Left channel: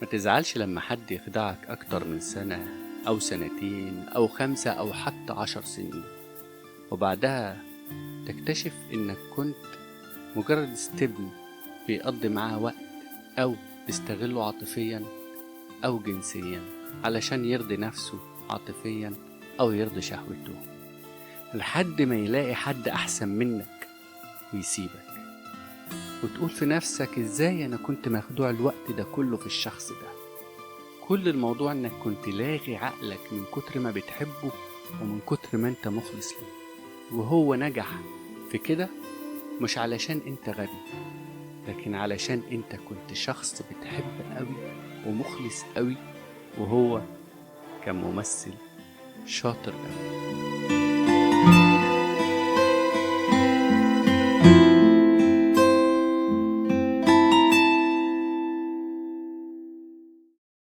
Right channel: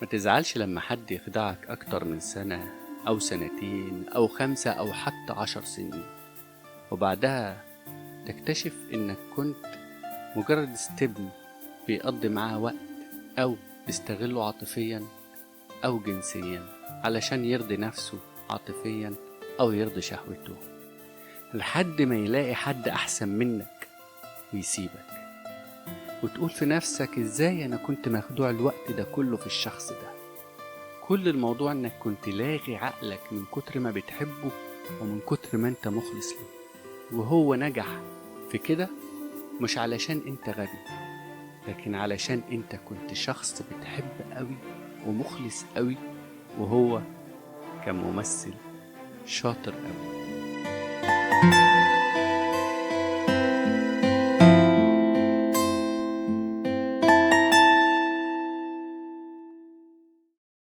ما تزعلش لما حد يخدعك أكتر من سنة أو سنتين أو 5 أو حتى 10 سنين، وبعدها تكتشف إنك كنت مجرد استبن بيقضي معاه وقت أو بيستغله عاطفيا أو جنسيا علشان يرضي نفسه عاطفيا أو يرضي شهوته، لحد ما يلاقي حد أحسن منك ويسيبك، وتقول في نفسك إزاي أنا كنت مخدوع الوقت ده كله في الشخص ده. كل الموضوع إنك كنت لاغي عقلك من كتر ما بتحبه ومن كتر ما أنت مخلص له، وهو نجح في كده مش علشان أنت غبي، لكن علشان أنت كنت شخص بتحب قوي ومخلص قوي، وهو كان ممثل شاطر قوي.